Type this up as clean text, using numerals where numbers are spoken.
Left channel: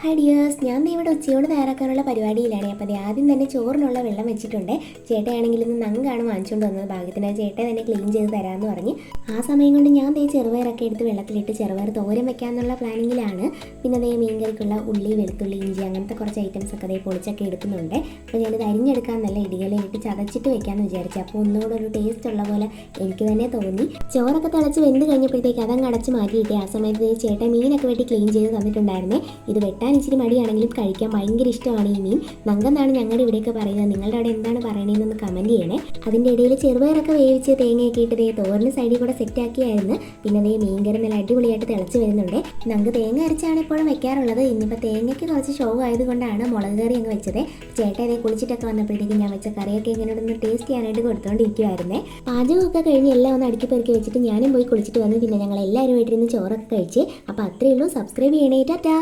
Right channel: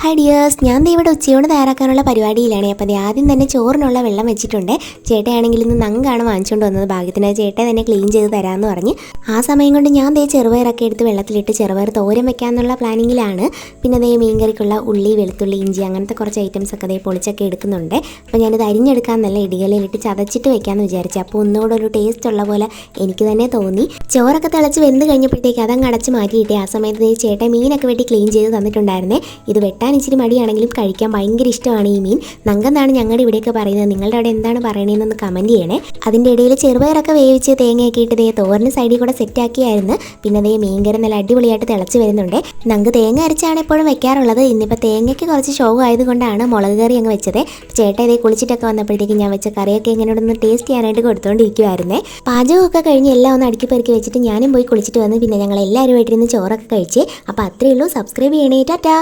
Hi dears, ഞാൻ ദേ ഇവിടെ ഉച്ചയോട് തയ്യാറാക്കാനുള്ള പരിപാടിയിലാണ്. അപ്പോൾ ആദ്യം തന്നെ ചോറിനുള്ള വെള്ളം വെച്ചിട്ടുണ്ട്. ചേട്ടയാണെങ്കിൽ ഇന്ന് നങ്കാണ് വാങ്ങിച്ചുകൊണ്ട് വന്നത്. ഭാഗ്യത്തിന് ചേട്ടൻ തന്നെ ക്ലീൻ ചെയ്ത് തരാമെന്ന് പറഞ്ഞ് ആ സമയം കൊണ്ട് ഞാൻ ദേ ചെറുപയറൊക്കെ എടുത്ത് വെള്ളത്തിലിട്ട് ചെറുപയർ തോരൻ വെക്കാമെന്നുള്ള പ്ലാനിങ്ങിലാണ്. പിന്നെ ദേ മീൻകറിക്കുള്ള ഉള്ളി, വെളുത്തുള്ളി, ഇഞ്ചി അങ്ങനത്തെ കുറച്ച് ഐറ്റംസ് ഒക്കെ ദേ പൊളിച്ചൊക്കെ എടുക്കുന്നുണ്ട്. അപ്പോൾ ഞാനിത് അരിഞ്ഞെടുക്കാമെന്നല്ല ഇടികളിലിട്ട് ചതച്ചിട്ട് വെക്കാമെന്ന് വിചാരിച്ചു. അപ്പോൾ ഒന്നുകൂടെ ഒരു ടേസ്റ്റ് ഉള്ള പോലെ എനിക്ക് തന്നെ തോന്നി. ചോറൊക്കെ തിളച്ച് വെന്ത് കഴിഞ്ഞപ്പോഴത്തേക്ക് അതങ്ങ് അടച്ച് മാറ്റിയിട്ട് ആ സമയത്ത് ചേട്ടൻ മീനൊക്കെ വെട്ടി ക്ലീൻ ചെയ്ത് തന്നിട്ടുണ്ടായിരുന്നേ. ഇത് വെട്ടാൻ ഇച്ചിരി മടിയാണെങ്കിലും കഴിക്കാൻ ഭയങ്കര ഇഷ്ടമാണ് ഈ മീൻ. നങ്കെന്നാണ് ഞങ്ങളുടെ ഇവിടെയൊക്കെ പറയുന്നത്. നിങ്ങളുടെ അവിടെ എന്താണ് പറയണതെന്നൊന്ന് കമൻറ്റ് ചെയ്യണേ. അതിൻ്റെ ഇടയിൽ ചെറുപയറൊക്കെ വേവിച്ച് തേങ്ങയൊക്കെ ഇട്ട് ദേ തോരന് സൈഡിൽ കൂടെ സെറ്റാക്കിയായിരുന്നു. പിന്നെ ദേ മീൻകറി നല്ല അടിപൊളിയായിട്ട് തിളച്ച് വരുന്നുണ്ട്. നങ്ക് തേങ്ങ അരച്ചാണ് എപ്പോഴും വെക്കാറുള്ളത്. ഇന്നിപ്പോൾ തേങ്ങയ്ക്ക് കുറച്ച് ഷോ ആയതുകൊണ്ടാണ് മുളക് കറി അങ്ങ് വെച്ചത്. ചേട്ടൻ ഇതേ കുളിച്ചിട്ടൊക്കെ വന്നപ്പോഴത്തേക്ക് ഞാൻ വെച്ച കറിയൊക്കെ ഇങ്ങനെ ഒന്ന് ടേസ്റ്റ് ചെയ്യാനായിട്ട് കൊടുത്തുകൊണ്ടിരിക്കുമായിരുന്നേ. പാചകമൊക്കെ കഴിഞ്ഞ് എല്ലാം ഒന്ന് അടുക്കി പെറുക്കി വെച്ചിട്ട് ഞാനും പോയി കുളിച്ചിട്ട് വന്ന് പിന്നെ ഞങ്ങൾ എല്ലാവരുമായിട്ടിരുന്ന് ചോറൊക്കെ കഴിച്ച്. അപ്പോൾ അത്രയേ ഉള്ളൂ. സബ്സ്ക്രൈബ് ചെയ്യണേ. ടാറ്റാ.